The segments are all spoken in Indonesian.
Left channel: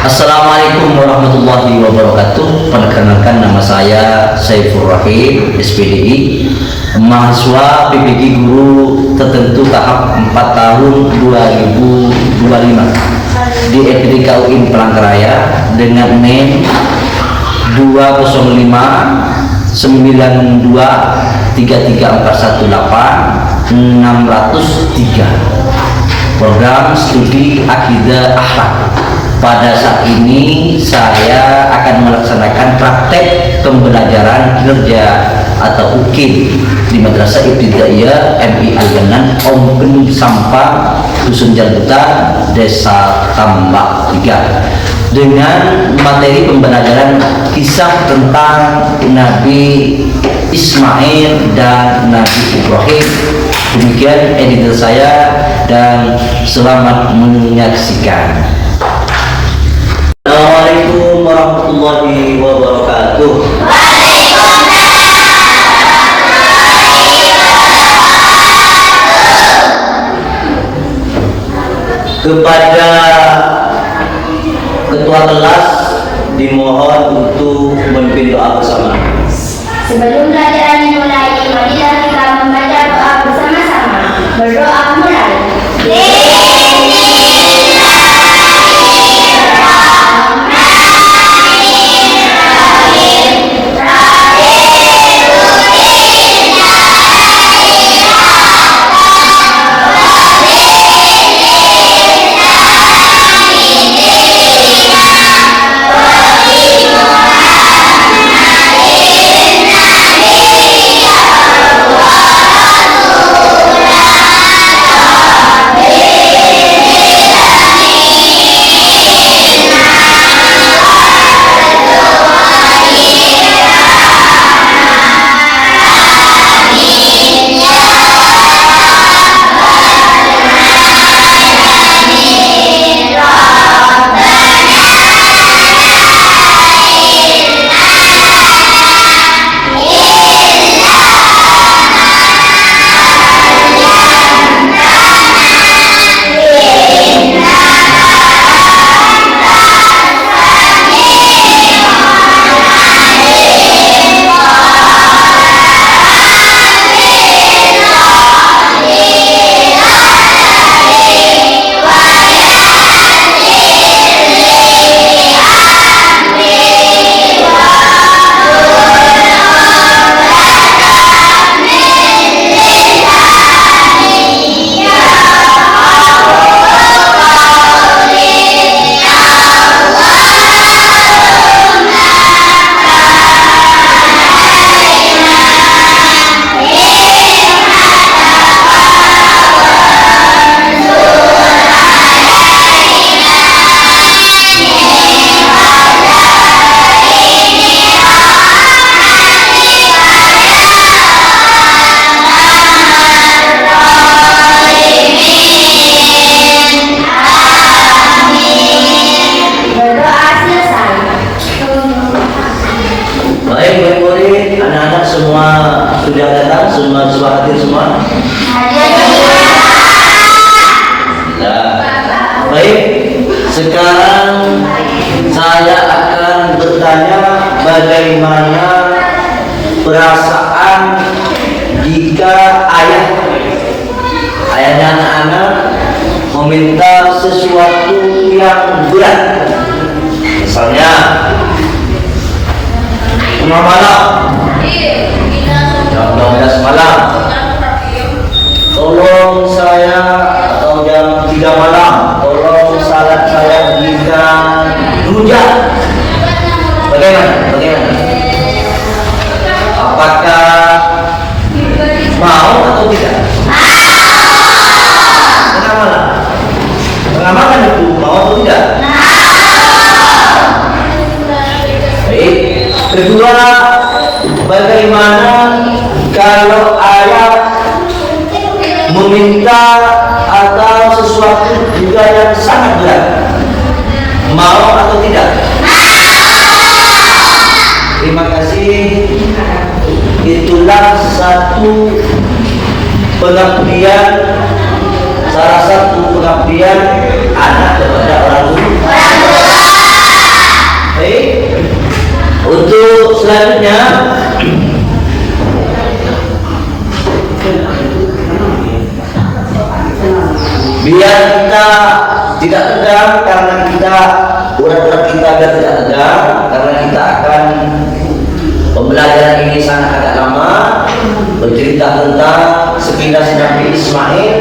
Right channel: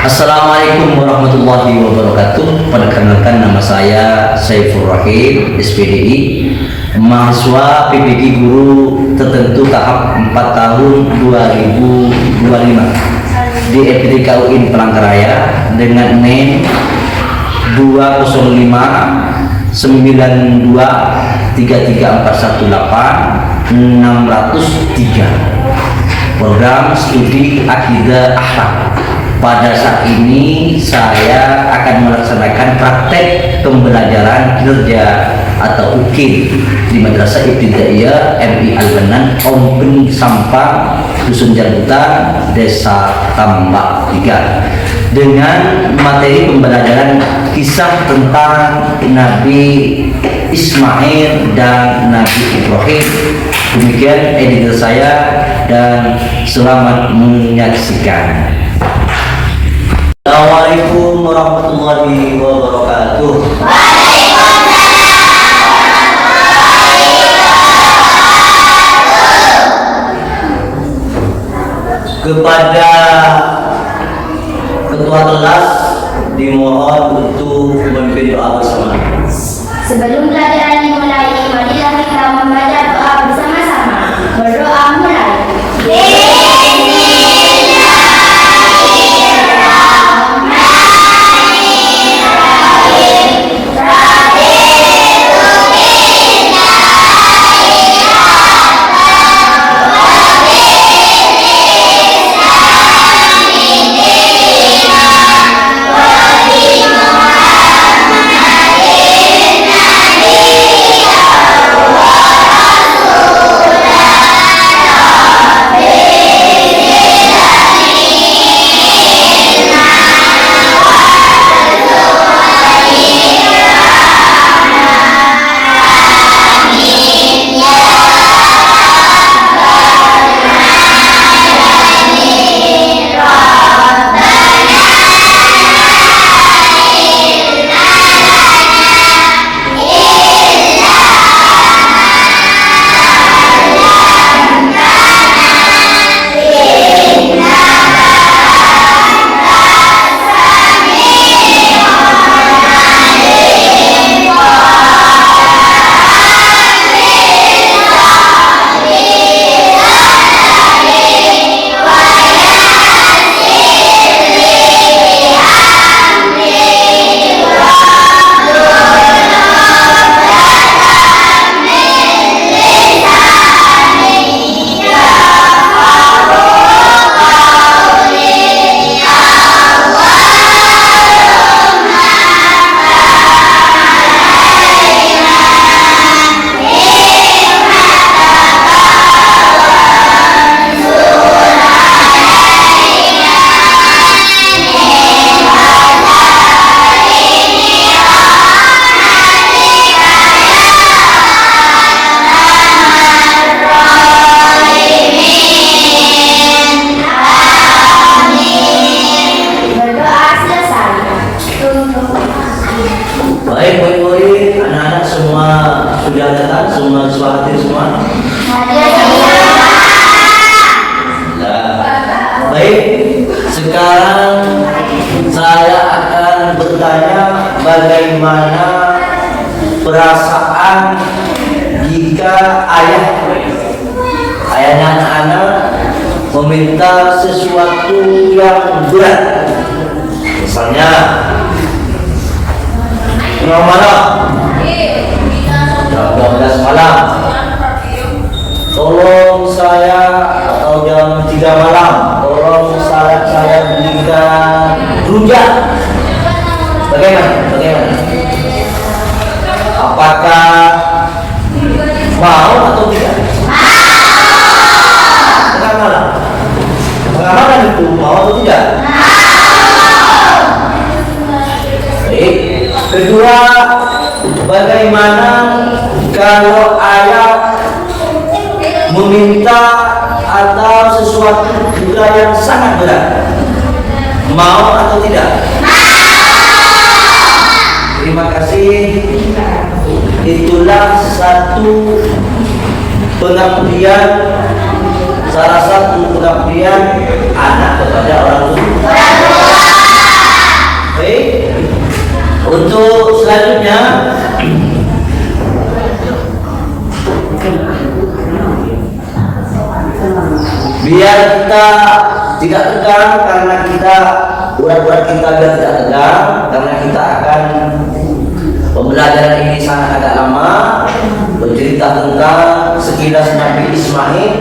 Assalamualaikum warahmatullahi wabarakatuh. Perkenalkan, nama saya Saiful Rahim, SPDI, mahasiswa PPG Guru Tertentu tahap 4 tahun 2025 di FPTK UIN Palangkaraya dengan NIM 205 92 33418 603, program studi akidah akhlak. Pada saat ini saya akan melaksanakan praktek pembelajaran kinerja atau UKIM di Madrasah Ibtidaiyah MI Al-Banan, Ompeng Sampang, Dusun Jalbutan, Desa Tambak 3, dengan materi pembelajaran kisah tentang Nabi Ismail dan Nabi Ibrahim. Demikian editor saya dan selamat menyaksikan. Assalamualaikum warahmatullahi wabarakatuh. Kepada ketua kelas dimohon untuk memimpin doa bersama. Sebelum pelajaran dimulai, marilah kita membaca doa bersama-sama. Berdoa mulai. Baik, murid-murid, anak-anak semua sudah datang, semua hadir semua. Baik, sekarang saya akan bertanya bagaimana perasaan jika ayahnya anak-anak meminta sesuatu yang berat. Misalnya jam malam, jam 12 malam, tolong saya, atau jam 3 malam, tolong salat saya belikan rujak. Bagaimana? Apakah mau atau tidak? Tengah malam itu mau atau tidak? Baik. Kedua, bagaimana kalau ayah meminta atau sesuatu juga yang sangat berat, mau atau tidak? Terima kasih. Itulah satu pengabdian, salah satu pengabdian anak kepada orang tua. tidak tegang karena kita urat-urat kita biar tidak tegang, karena kita akan pembelajaran ini sangat agak lama, bercerita tentang sekilas Nabi Ismail,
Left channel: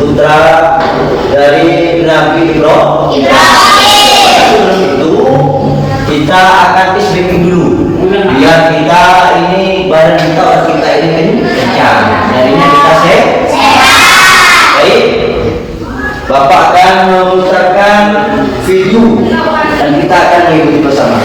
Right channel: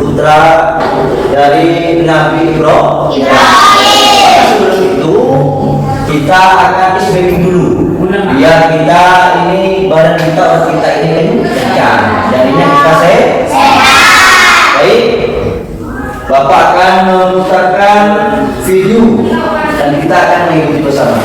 putra dari Nabi Ibrahim. Sebelum itu kita akan isbeki dulu, biar kita ini badan kita, urat kita ini kencang, jadinya kita sehat. Baik, Bapak akan memutarkan video dan kita akan mengikuti bersama.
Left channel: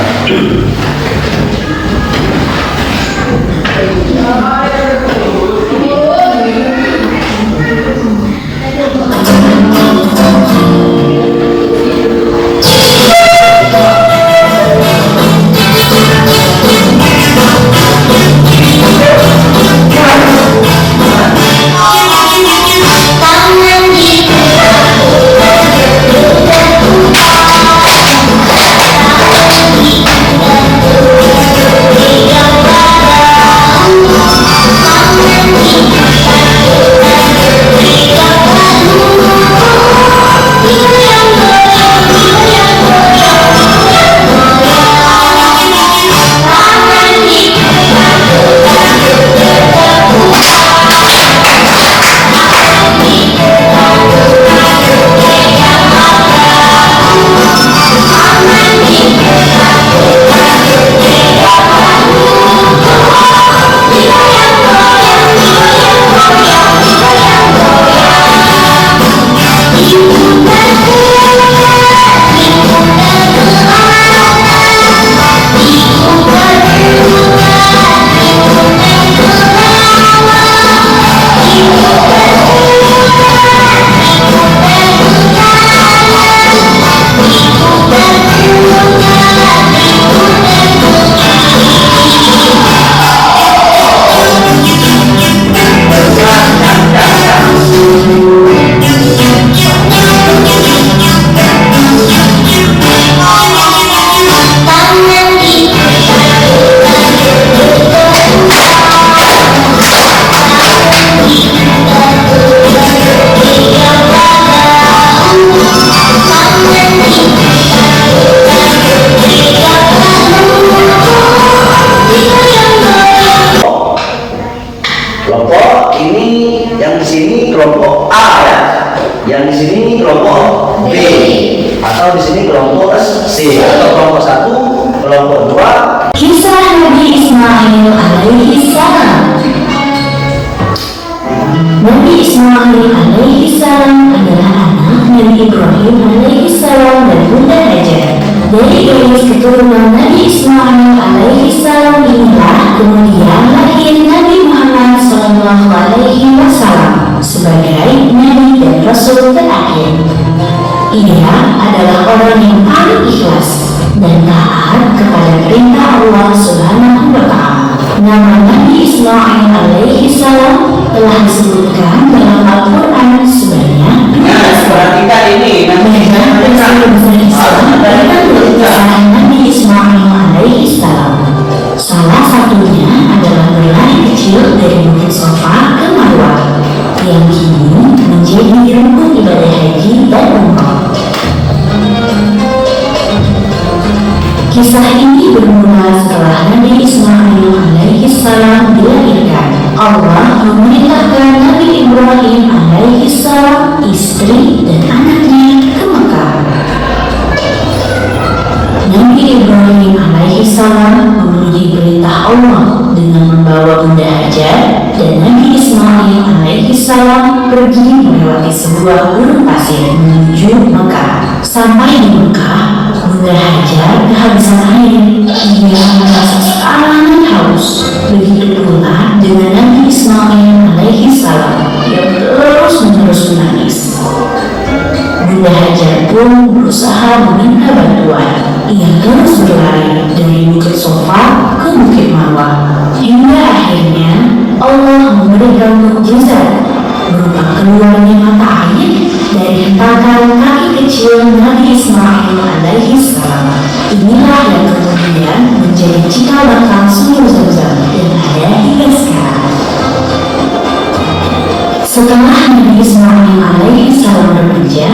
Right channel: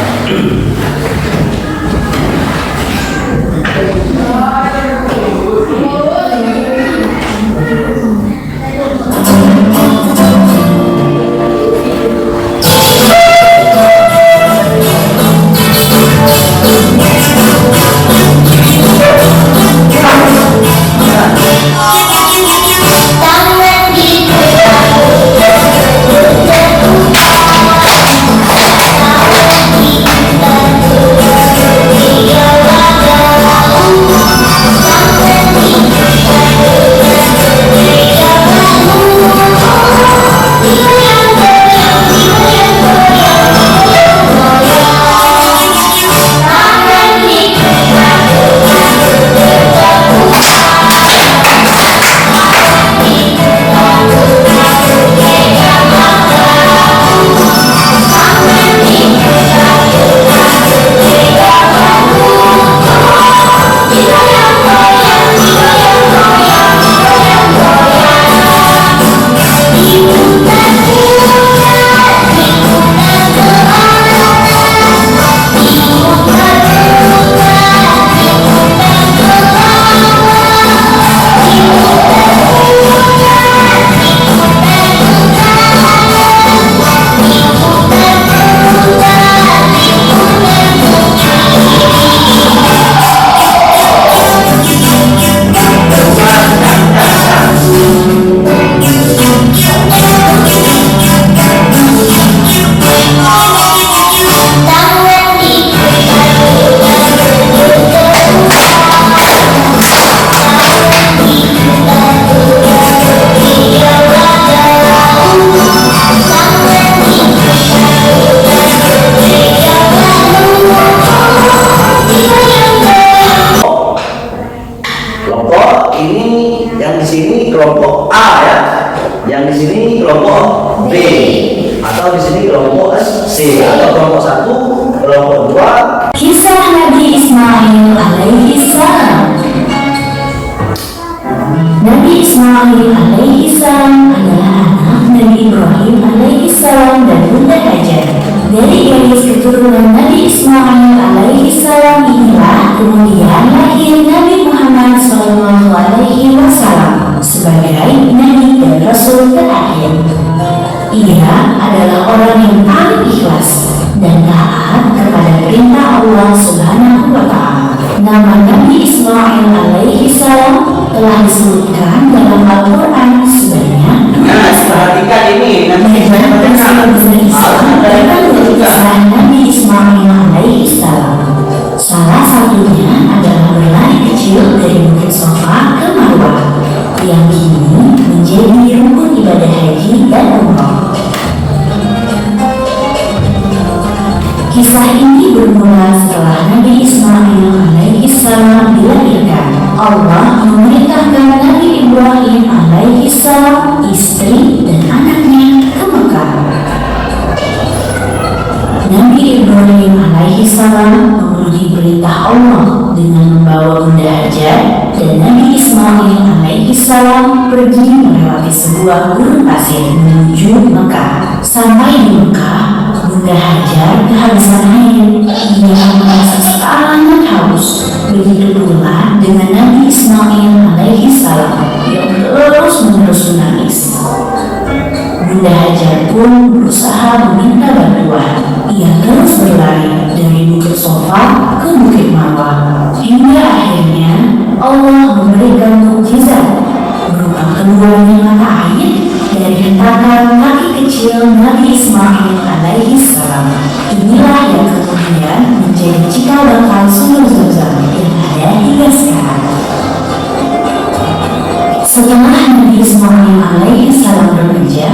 Kelompok A ya, yang di sini kelompok B, atau di sini kelompok C, atau kelompok 1, kelompok 2. Kisah Nabi Ismail alaihi salam. Nabi Ismail alaihi salam adalah anak Nabi Ibrahim alaihi salam dan Bunda Hajar. Dari garis keturunan Nabi Ismail alaihi salam inilah kemudian lahir Nabi Muhammad sallallahu alaihi wasallam sebagai Nabi dan Rasul terakhir. Ia adalah orang yang paling ikhlas dan taat kepada perintah Allah Subhanahu wa Ta'ala. Nama Nabi Ismail alaihi salam telah disebutkan dalam Al-Quran sebanyak. Nah, perhatikan ini. Banyak besar Islam dalam kisah Nabi Ismail alaihi salam. Salah satunya adalah berlari kecil dari Bukit Sofa ke Marwah yang kini menjadi rukun ibadah haji dan umrah. Kisah ini bermula setelah Nabi Ismail alaihi salam dilahirkan. Allah memerintahkan Nabi Ibrahim alaihi salam, istri dan anaknya ke Mekah. Nabi Ibrahim alaihi salam memenuhi perintah Allah dengan membawa Bunda Hajar, dan Nabi Ismail alaihi salam pergi melewati sebuah gurun pasir menuju Mekah. Sampai di Mekah, Bunda Hajar kehabisan air. Ia merasa sangat haus. Begitu pula dengan Nabi Ismail alaihi salam yang terus-menerus menangis. Bunda Hajar pun berusaha meminta bantuan. Ia terus berlari dari Bukit Sofa ke Bukit Marwah, hingga akhirnya Allah memberikan mukjizat berupa keluarnya mata air dari hentakan kaki kecil Nabi Ismail alaihi salam. Inilah yang kemudian menjadi cikal bakal sumur Zamzam yang ada hingga sekarang. Setelah Nabi Ismail alaihi salam remaja,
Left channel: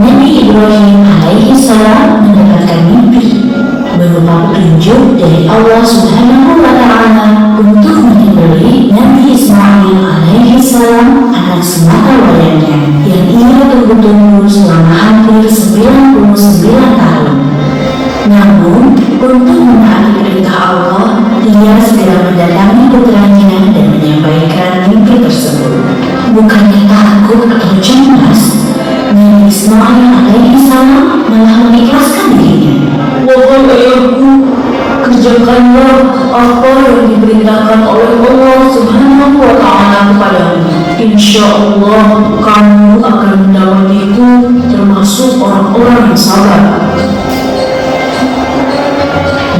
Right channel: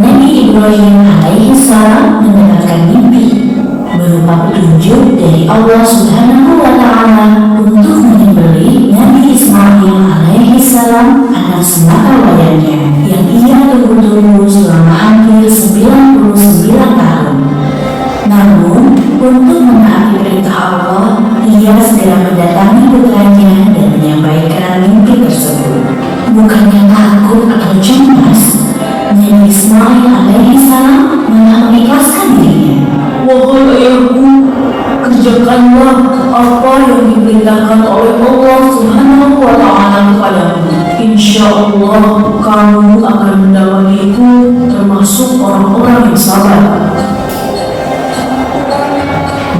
Nabi Ibrahim alaihi salam mendapatkan mimpi berupa petunjuk dari Allah Subhanahu wa Ta'ala untuk menyembelih Nabi Ismail alaihi salam, anak semata wayangnya yang ia tunggu-tunggu selama hampir 99 tahun. Namun, untuk menaati perintah Allah, ia segera mendatangi putranya dan menyampaikan mimpi tersebut. Bukannya takut atau cemas, Nabi Ismail alaihi salam malah mengikhlaskan dirinya. Wahai ayahku, kerjakanlah apa yang diperintahkan oleh Allah Subhanahu wa Ta'ala kepadamu. Insya Allah kamu akan mendapatiku termasuk orang-orang yang sabar.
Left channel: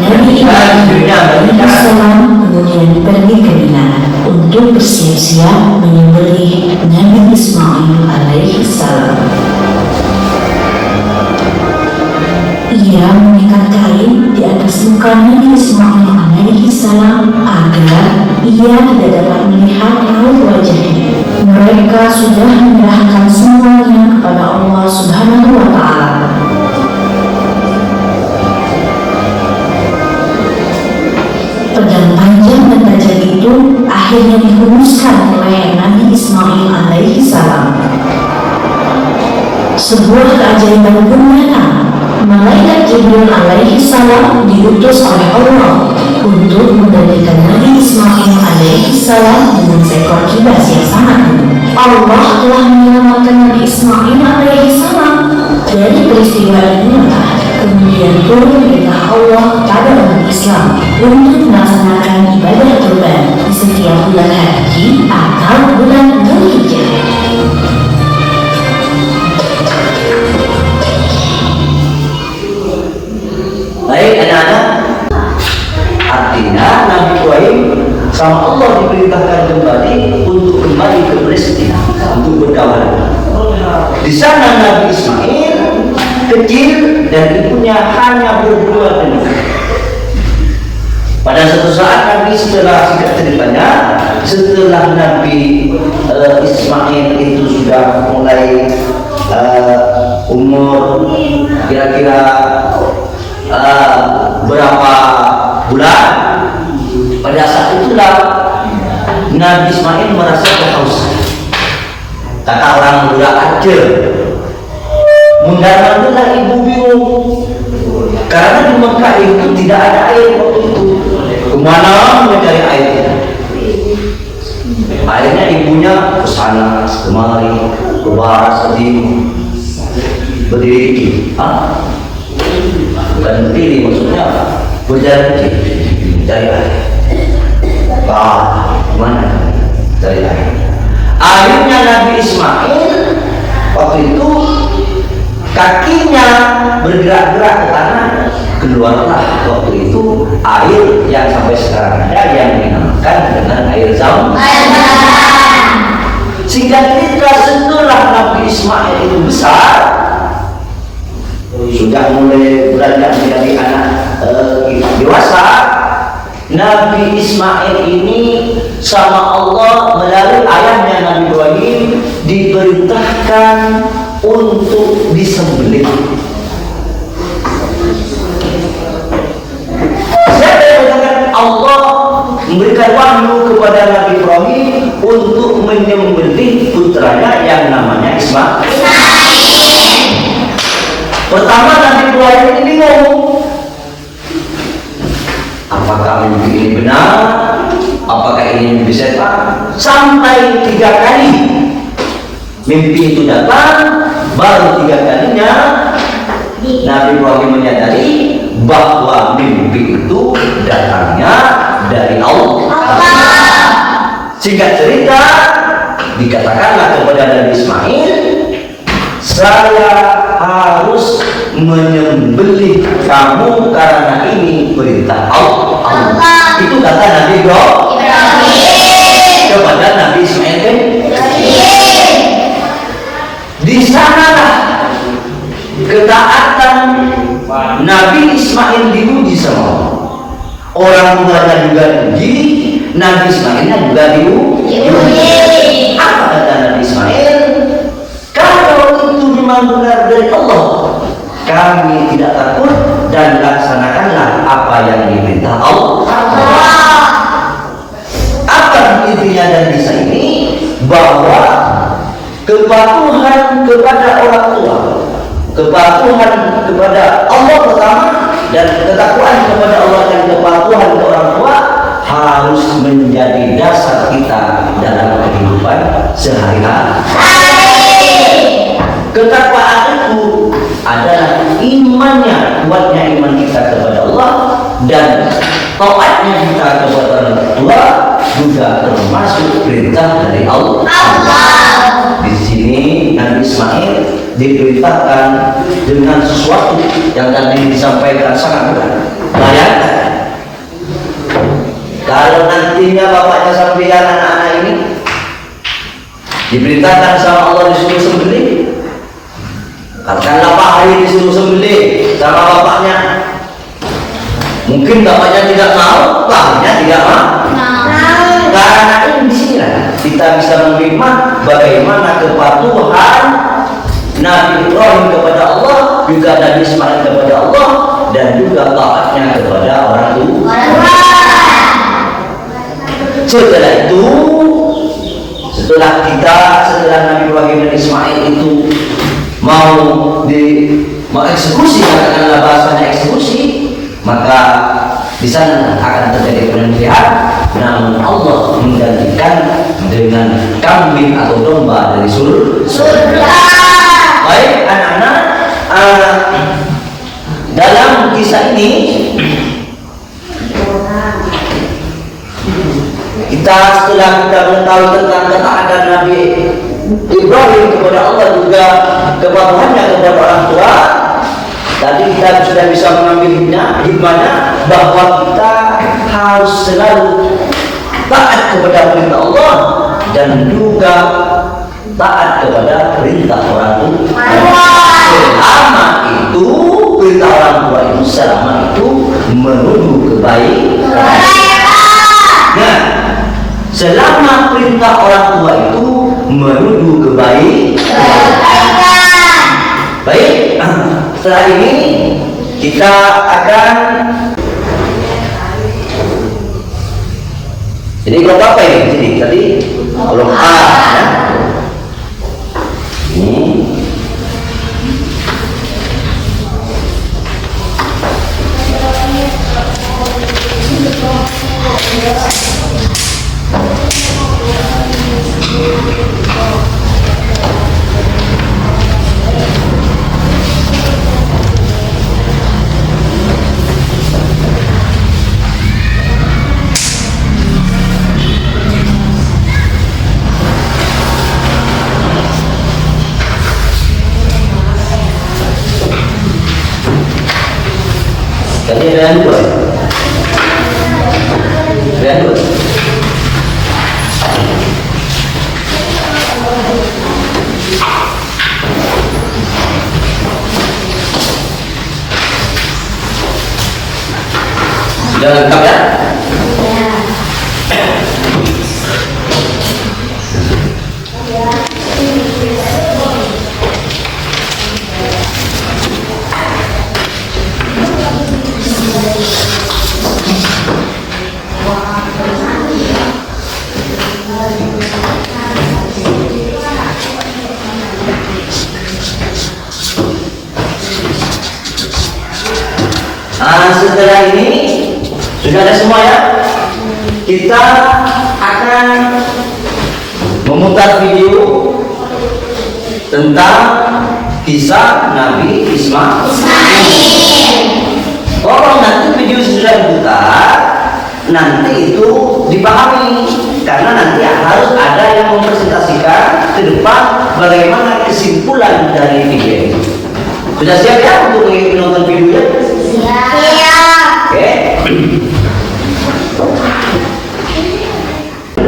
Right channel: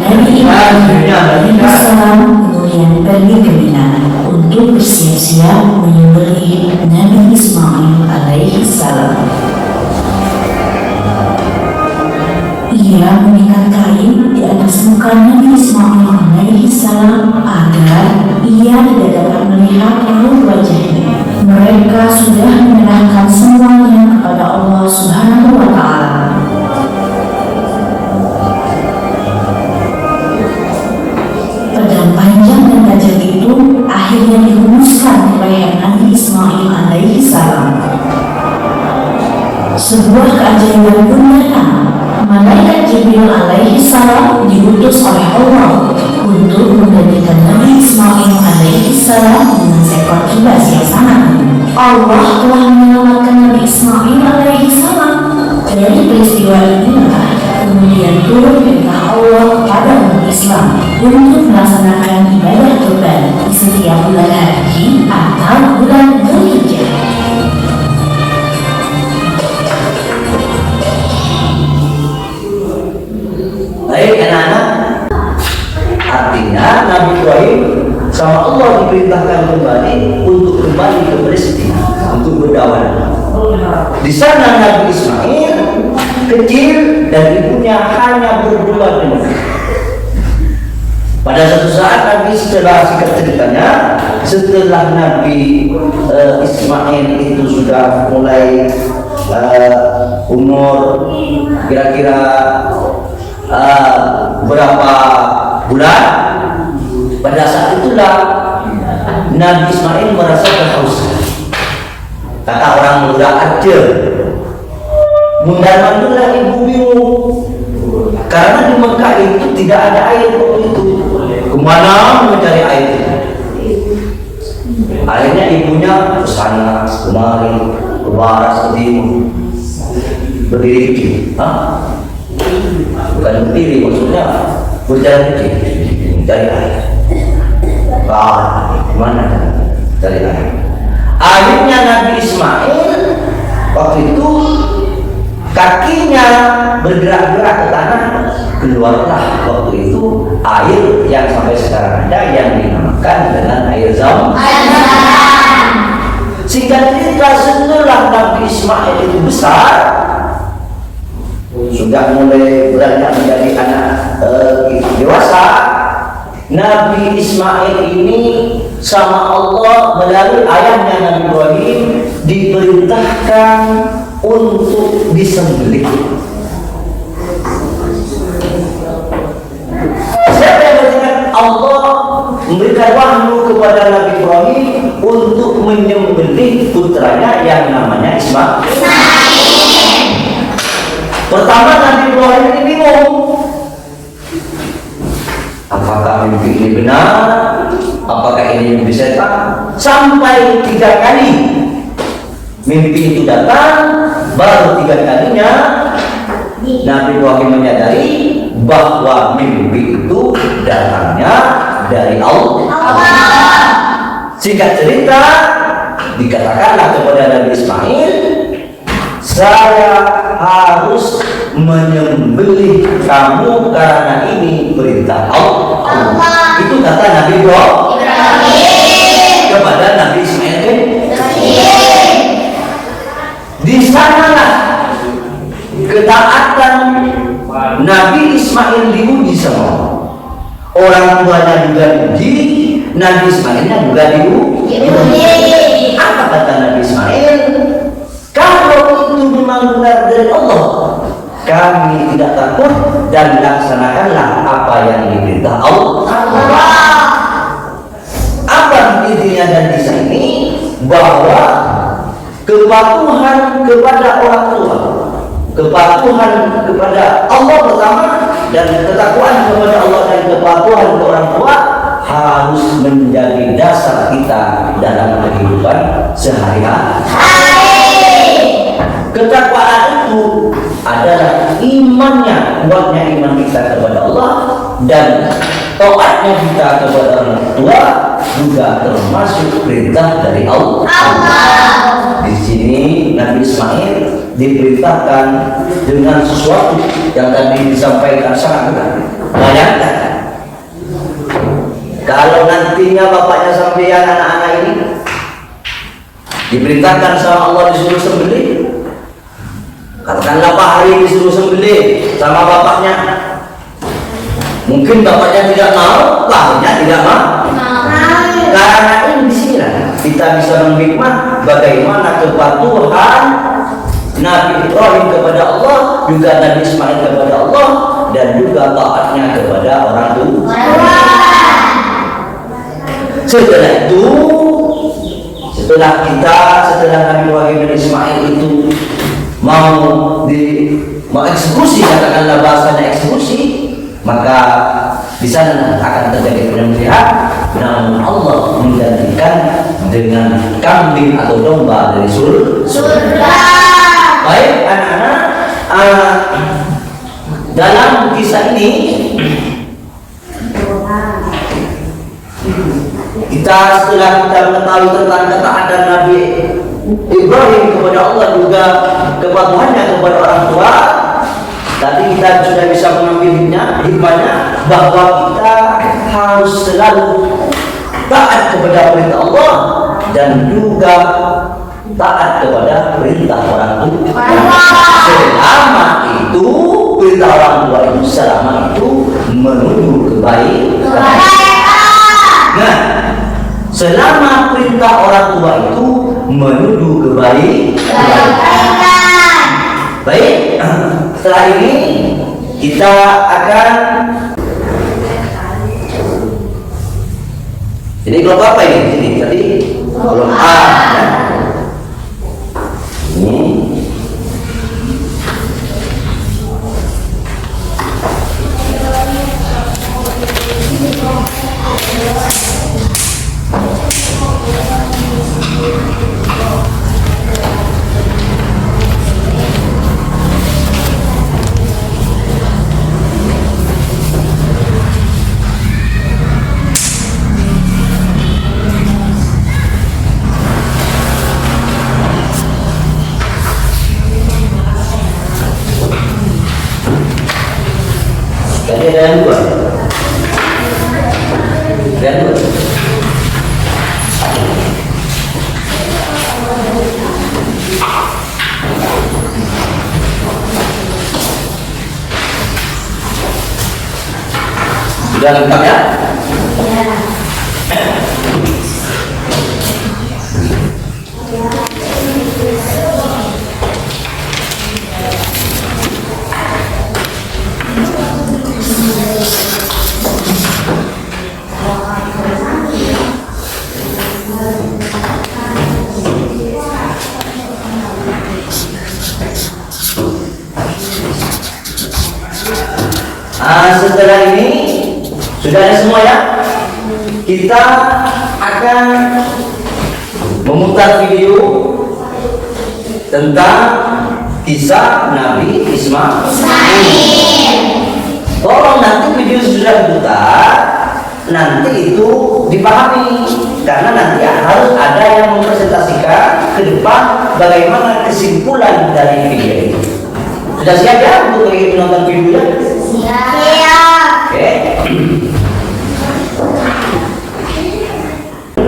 Nabi Ibrahim alaihissalam kemudian pergi ke Mina untuk bersiap-siap menyembelih Nabi Ismail alaihissalam. Ia mengikat kain di atas muka Nabi Ismail alaihissalam agar ia tidak dapat melihat raut wajahnya. Mereka sudah menyerahkan semuanya kepada Allah Subhanahu wa Ta'ala. Pedang panjang dan tajam itu akhirnya dihunuskan oleh Nabi Ismail alaihissalam. Sebuah keajaiban pun datang. Malaikat Jibril alaihissalam diutus oleh Allah untuk menggantikan Nabi Ismail alaihissalam dengan seekor kibas yang sangat tinggi. Allah telah menyelamatkan Nabi Ismail alaihissalam dari peristiwa inilah. Kemudian turun perintah Allah kepada umat Islam untuk melaksanakan ibadah kurban di setiap bulan haji atau bulan Dzulhijjah. Baik anak-anak, artinya Nabi Ibrahim sama Allah diperintahkan kembali untuk kembali ke Palestina untuk berdakwah. Di sana Nabi Ismail kecil dan ibunya hanya berdua dengan. Pada suatu saat Nabi setelah singkat ceritanya, setelah Nabi Ismail itu sudah mulai umur kira-kira berapa bulan, pada saat itulah Nabi Ismail merasa kehausan. Kata orang muda aja, mundar-mandirlah ibu bingung karena di Mekah itu tidak ada air waktu itu. Kemana mencari air? Akhirnya ibunya ke sana kemari, ke barat ke timur, berdiri. Bukan berdiri, maksudnya berjalan kecil cari air. Kemana cari air? Akhirnya Nabi Ismail waktu itu kakinya bergerak-gerak ke tanah, keluarlah waktu itu air yang sampai sekarang ada yang dinamakan dengan air Zam. Singkat cerita, setelah Nabi Ismail itu besar, sudah mulai beranjak menjadi anak dewasa, Nabi Ismail ini sama Allah melalui ayahnya Nabi Ibrahim diperintahkan untuk disembelih. Siapa yang mengatakan Allah memberikan wahyu kepada Nabi Ibrahim untuk menyembelih putranya yang namanya Ismail? Pertama Nabi Ibrahim ini bingung, apakah mimpi ini benar? Apakah ini mimpi setan? Sampai 3 kali mimpi itu datang, baru 3 kalinya Nabi Ibrahim menyadari bahwa mimpi itu datangnya dari Allah. Singkat cerita, dikatakanlah kepada Nabi Ismail, saya harus menyembelih kamu karena ini perintah Allah. Itu kata Nabi Ibrahim kepada Nabi Ismail. Di sanalah ketaatan Nabi Ismail diuji sama Allah. Orang tuanya juga diuji, Nabi Ismailnya juga diuji. Apa kata Nabi memang benar dari Allah. Kami tidak takut dan laksanakanlah apa yang diperintah Allah. Apa intinya dari kisah ini? Bahwa kepatuhan kepada orang tua, kepatuhan kepada Allah pertama, dan ketakwaan kepada Allah dan kepatuhan ke orang tua harus menjadi dasar kita dalam kehidupan sehari-hari. Ketakwaan itu adalah imannya, kuatnya iman kita kepada Allah, dan taatnya kita kepada orang tua juga termasuk perintah dari Allah. Di sini Nabi Ismail diperintahkan dengan sesuatu yang tadi disampaikan sangat benar. Bayangkan kalau nantinya bapaknya sampean anak-anak ini diperintahkan sama Allah disuruh sembelih, katakanlah Pak Hari disuruh sembelih sama bapaknya, mungkin bapaknya tidak mau, Pak Harinya tidak mau. Karena ini disinilah kita bisa menghikmah bagaimana kepatuhan Nabi Ibrahim kepada Allah, juga Nabi Ismail kepada Allah, dan juga taatnya kepada orang tua. Setelah itu, setelah Nabi Ibrahim dan Ismail itu mau eksekusi, katakanlah bahasanya eksekusi, maka di sana akan terjadi penyembelihan, namun Allah menggantikan dengan kambing atau domba dari surga. Baik anak-anak, dalam kisah ini kita setelah kita mengetahui tentang ketaatan Nabi Ibrahim kepada Allah, juga kepatuhannya kepada orang tua, tadi kita sudah bisa mengambil hikmahnya bahwa kita harus selalu taat kepada perintah Allah dan juga taat kepada perintah orang tua. Selama itu perintah orang tua itu, selama itu menuju kebaikan. Nah, selama perintah orang tua itu menuju kebaikan. Baik, setelah ini kita akan, jadi kelompok apa ini? Sini, tadi kelompok A, ya. Ini. Tadi ada yang dua. Ada yang dua. Sudah lengkap ya? Setelah ini sudah ada semua ya. Kita akan memutar video tentang kisah Nabi Ismail. Tolong nanti video sudah diputar, nanti itu dipahami, karena nanti harus ada yang mempresentasikan ke depan bagaimana kesimpulan dari video ini. Sudah siap ya untuk menonton videonya? Siap. Oke.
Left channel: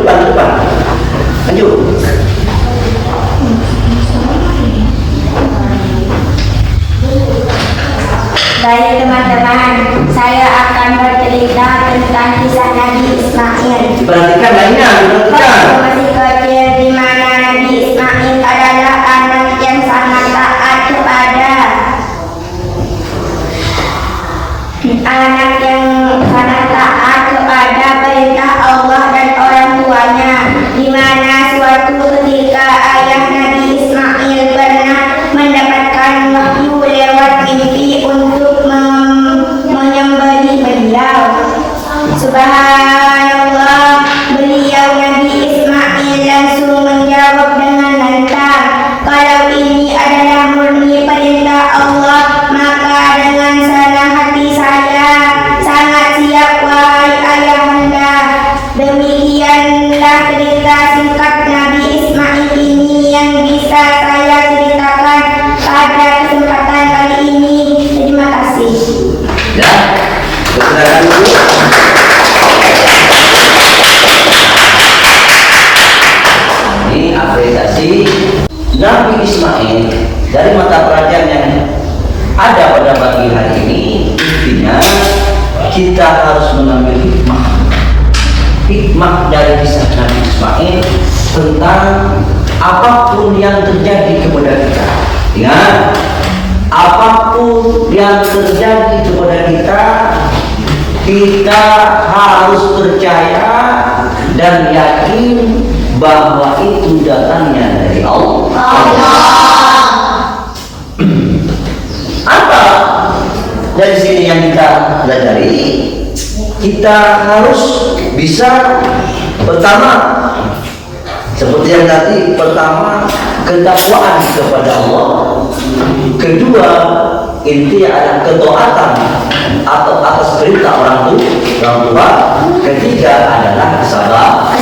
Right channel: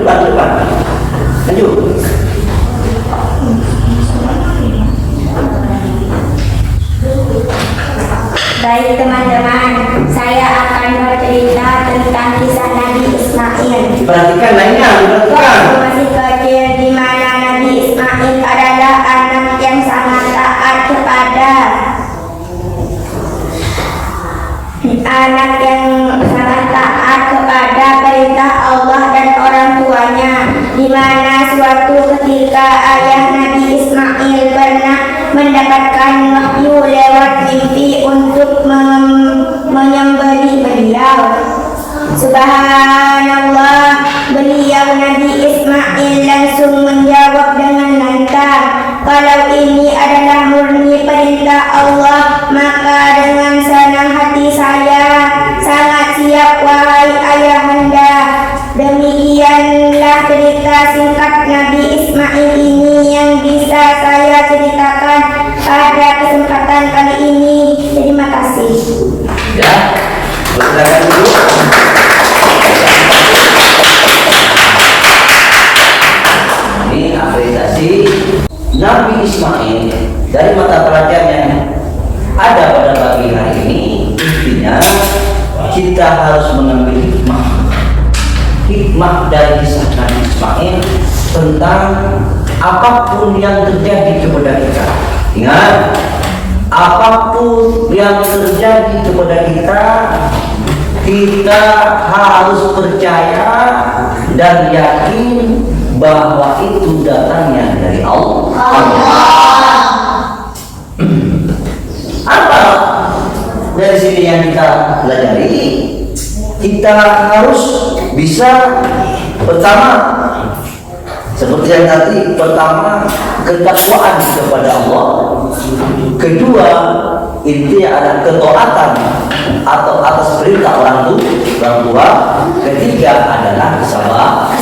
Depan. Maju. Baik teman-teman, saya akan bercerita tentang kisah Nabi Ismail. Perhatikan lainnya, perhatikan. Waktu masih kecil, di mana Nabi Ismail adalah anak yang sangat taat anak yang sangat taat kepada perintah Allah dan orang tuanya, di mana suatu ketika ayah Nabi Ismail pernah mendapatkan wahyu lewat mimpi untuk menyembelih beliau. Subhanallah, beliau Nabi Ismail langsung menjawab dengan lantang, "Kalau ini adalah murni perintah Allah, maka dengan senang hati saya sangat siap, wahai ayahanda." Demikianlah cerita singkat Nabi Ismail ini yang bisa saya ceritakan pada kesempatan kali ini. Terima kasih. Ya, silakan dulu. Ini apresiasi Nabi Ismail dari mata pelajaran yang ada pada pagi hari ini. Intinya kita harus mengambil hikmah dari kisah Nabi Ismail tentang apapun yang terjadi kepada kita. Ingat, apapun yang terjadi kepada kita, kita harus percaya dan yakin bahwa itu datangnya dari Allah. Apa dari sini yang kita pelajari? Kita harus bisa, pertama, seperti yang tadi, pertama ketakwaan kepada Allah, kedua inti adalah ketaatan atau atas perintah orang tua, ketiga adalah kesabaran.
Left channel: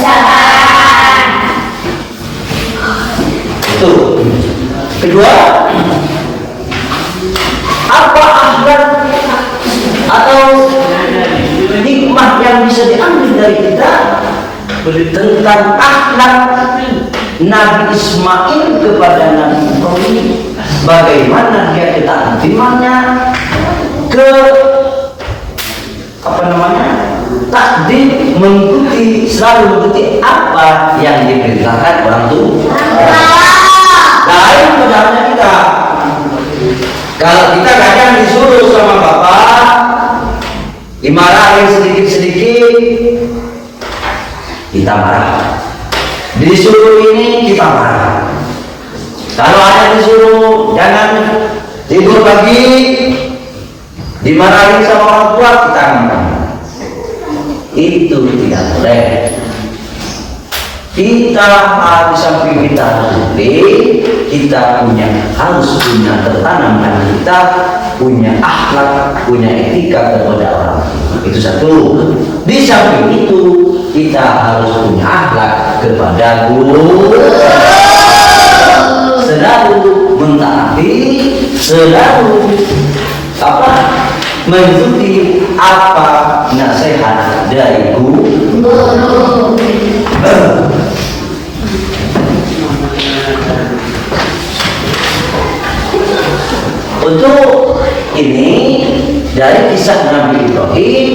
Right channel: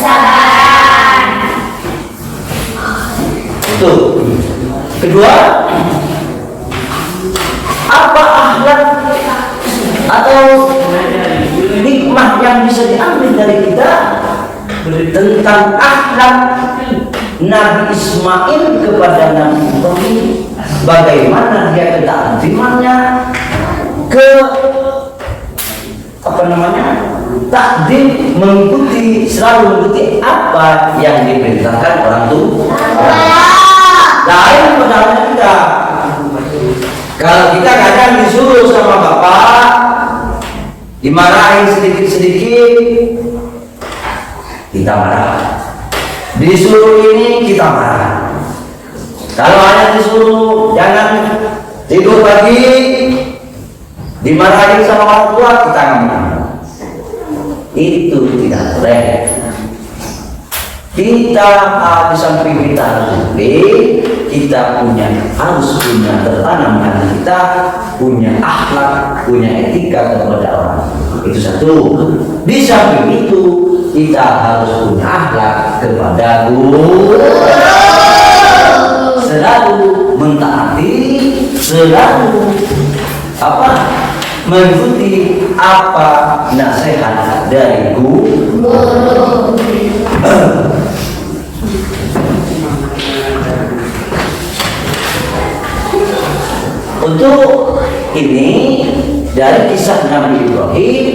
Itu. Kedua, apa akhlak atau hikmah yang bisa diambil dari kita tentang akhlak Nabi Ismail kepada Nabi Ibrahim, bagaimana dia ketaatimannya, takdim, selalu mengikuti apa yang diperintahkan orang tua. Lain pada halnya kita. Kalau kita kadang disuruh sama bapak, dimarahin sedikit-sedikit, kita marah. Disuruh ini, kita marah. Kalau hanya disuruh jangan tidur pagi, dimarahin sama orang tua, kita marah. Itu tidak boleh. Kita harus samping kita harus punya tertanam dan kita punya akhlak, punya etika kepada orang. Itu satu. Di samping itu kita harus punya akhlak kepada guru, selalu mentaati, selalu mengikuti apa nasihat dari guru. Untuk ini dari kisah Nabi Ibrahim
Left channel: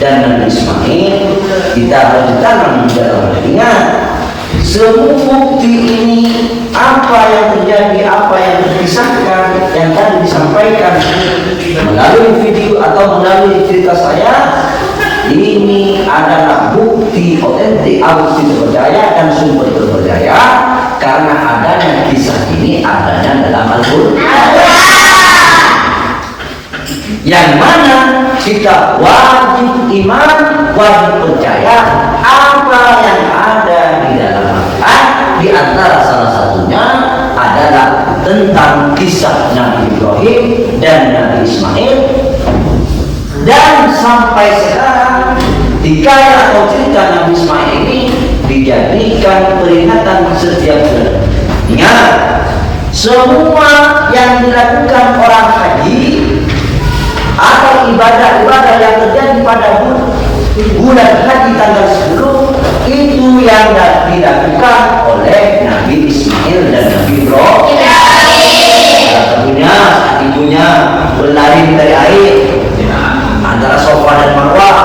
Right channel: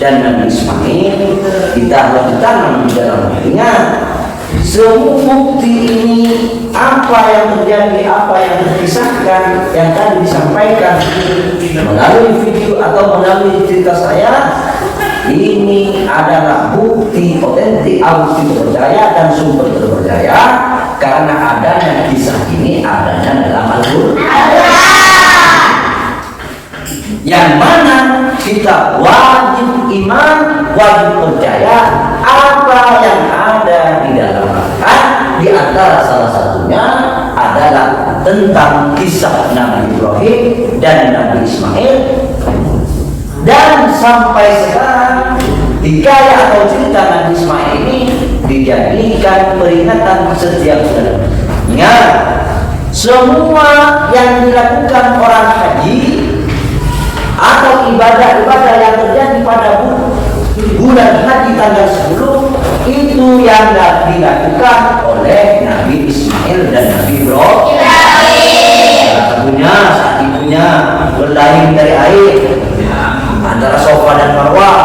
dan Nabi Ismail, kita harus ditanam di dalam hatinya. Semua bukti ini, apa yang terjadi, apa yang terkisahkan, yang tadi disampaikan melalui video atau melalui cerita saya, ini adalah bukti otentik, bukti terpercaya dan sumber terpercaya karena adanya kisah ini adanya dalam Al-Quran, yang mana kita wajib iman, wajib percaya apa yang ada di dalam Al-Quran. Di antara salah satunya adalah tentang kisah Nabi Ibrahim dan Nabi Ismail. Dan sampai sekarang hikayat atau cerita Nabi Ismail ini dijadikan peringatan setiap bulan. Ingat, semua yang dilakukan orang haji atau ibadah-ibadah yang terjadi pada bulan haji tanggal 10 itu yang dilakukan oleh Nabi Ismail dan Nabi Ibrahim. Ibunya berlari dari air antara Safa dan Marwah,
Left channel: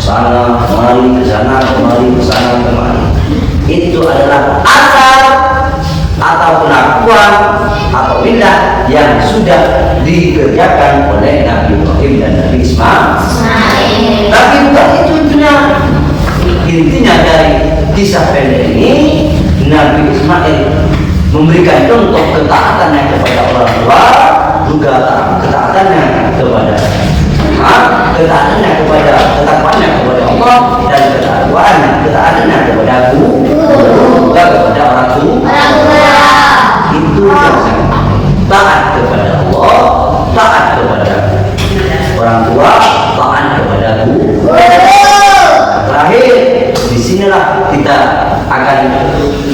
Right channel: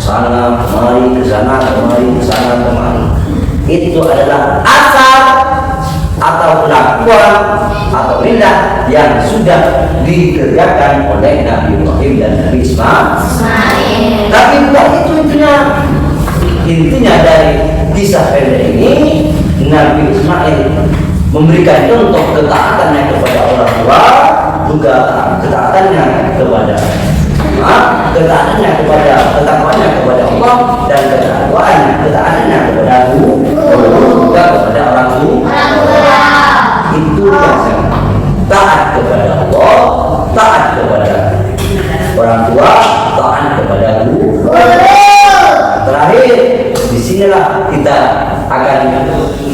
sana kemari ke sana, kemari ke sana, kemari. Itu adalah asal atau pengakuan atau milah yang sudah dikerjakan oleh Nabi Muhammad. Ibrahim dan Nabi Ismail. Tapi bukan itu intinya. Intinya dari kisah pendek ini, Nabi Ismail memberikan contoh ketaatannya kepada orang tua, juga ketaatannya kepada ketaatannya kepada ketakwaannya kepada Allah, dan ketaatannya kepada guru, juga kepada orang tua. Itu yang sangat taat kepada Allah, taat kepada orang tua, taat kepada guru. Terakhir, disinilah kita akan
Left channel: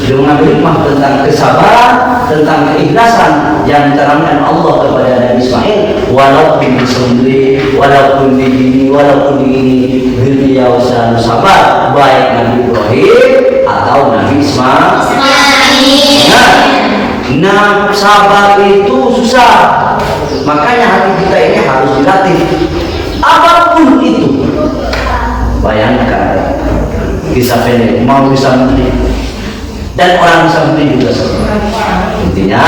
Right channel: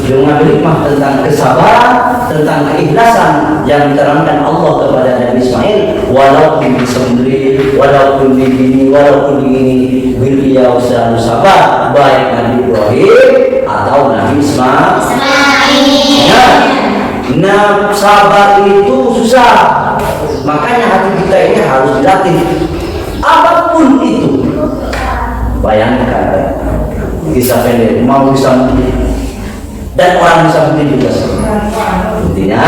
mengambil hikmah tentang kesabaran, tentang keikhlasan yang diterangkan Allah kepada Nabi Ismail. Walaupun disembelih, walaupun begini, walaupun begini, beliau selalu sabar, baik Nabi Ibrahim atau Nabi Ismail. Nah, sabar itu susah. Makanya hati kita ini harus dilatih. Apapun itu. Bayangkan kisah pendek mau bisa mati dan orang bisa mati juga. Intinya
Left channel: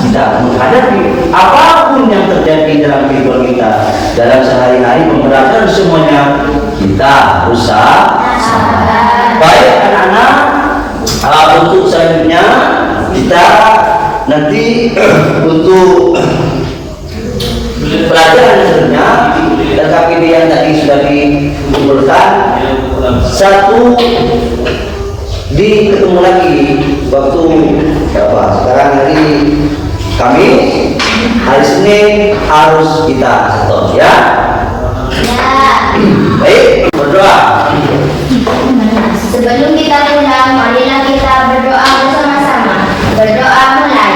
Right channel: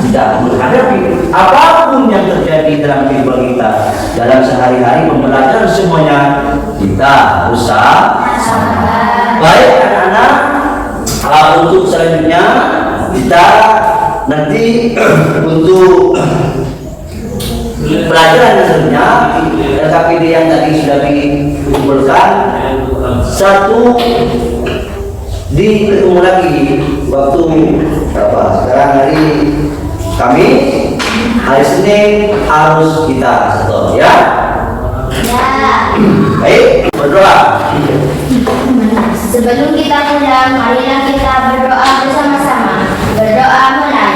kita menghadapi apapun yang terjadi dalam kehidupan kita dalam sehari-hari pembelajaran semuanya, kita harus sabar. Baik anak-anak, untuk selanjutnya kita nanti untuk pelajaran selanjutnya tentang ide yang tadi sudah dikumpulkan, satu ketemu lagi waktu berapa? Sekarang hari Kamis, hari Senin harus kita setor ya. Baik, berdoa. Sebelum kita pulang, marilah kita berdoa bersama-sama. Berdoa mulai.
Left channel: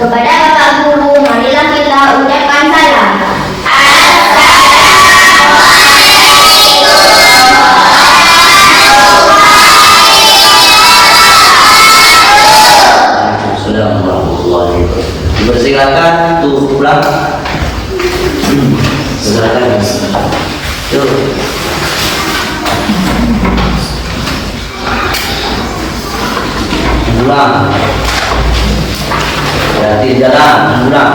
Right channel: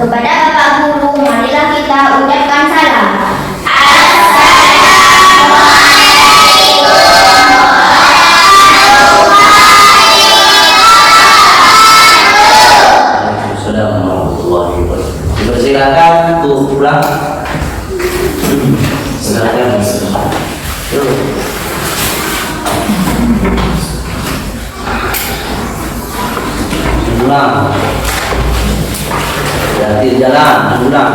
Kepada Bapak Guru, marilah kita ucapkan salam. Assalamualaikum warahmatullahi wabarakatuh. Dipersilakan untuk pulang. Silakan. Yuk. Pulang. Jadi jalan pulang.